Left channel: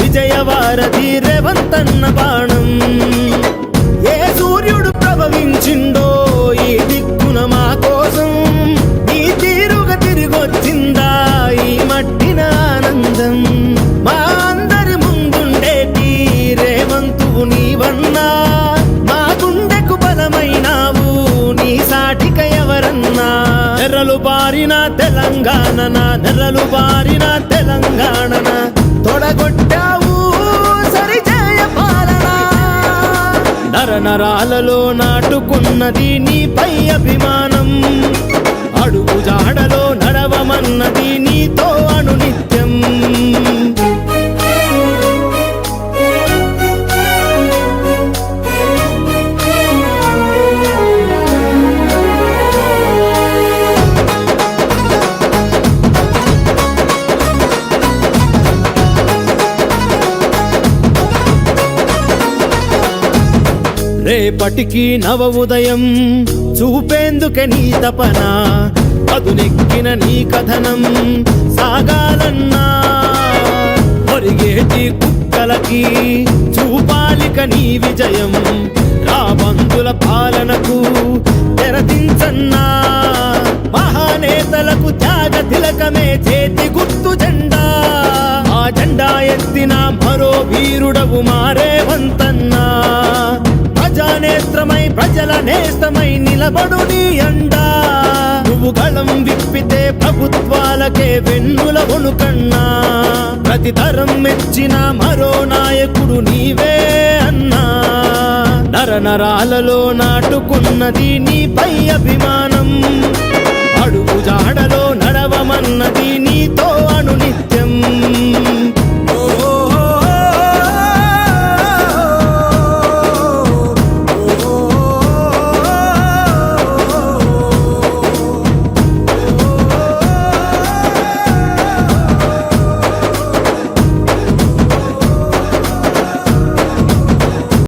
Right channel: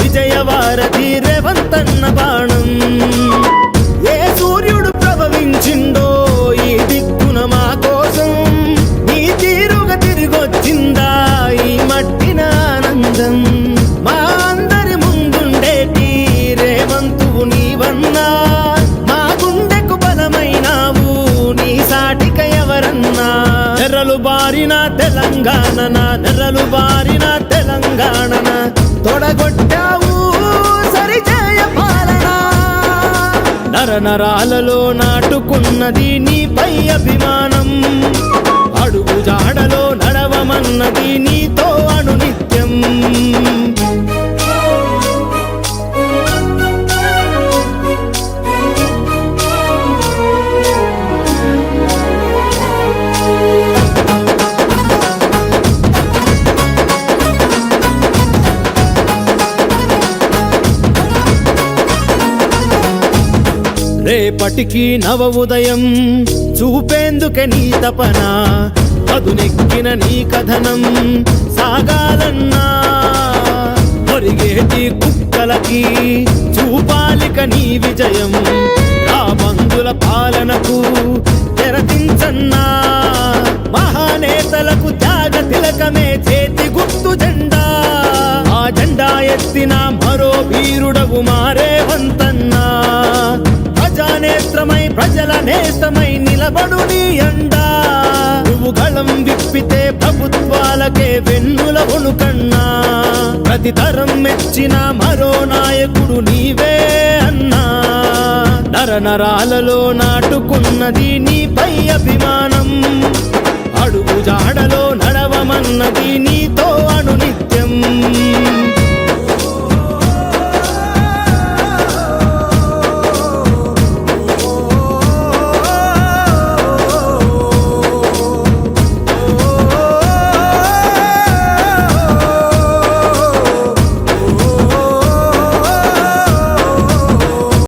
విజయవారధి రేవంతన్న బాణం. ఏ సూర్యుడు ప్రభవించిండో ఈ దిక్కున మా కోసం, నీ తీరుగా తిరిగొచ్చిందా ఈ మట్టిన ఆనందం. మా అందరి ముందుండేటి రేవంతువు నీవన్నా, మా గుండెకు బలమైనావు నీ సాటిక ఎవరన్నా. నెర్రలు బారిన తెలంగాణన, నెర్రలు బారిన తెలంగాణన, తొడగొట్టావు సరిజయ పాలన. నరనరాలలో నాటుకున్నది నీపై అభిమానం, అడుగు జాడలో నడవమన్నది నీతో అనునిత్యం. రేపటికి నవ ఉదయం చూపేందుకే నీ తపన, అదునెక్కిన నీ కథనం సాగాలన్నా. ఒరిగేటి కుక్కలకి చూపాలిక నీ విజయం, రాబందుల పాలనకు తెరదించన్నా. మహానేతలకు త్యాగ తిలకమే చేతి గుర్తు జెండా, ఆ జెండా ఎత్తిన మరో వీరుడవు మా రేవంతన్నా. ప్రజానేత్రమై ప్రజల నేస్తమై నిలబడు నీ అండా, నువ్వు గళం విప్పితే ప్రభుత్వాలకే వెన్నుల వణుకన్నా. ప్రతి తరం మెచ్చిన మరో నాయకుడు నీవే అన్నా. నరనరాలలో నాటుకున్నది నీపై అభిమానం, అడుగు జాడలో నడవమన్నది నీతో అనునిత్యం.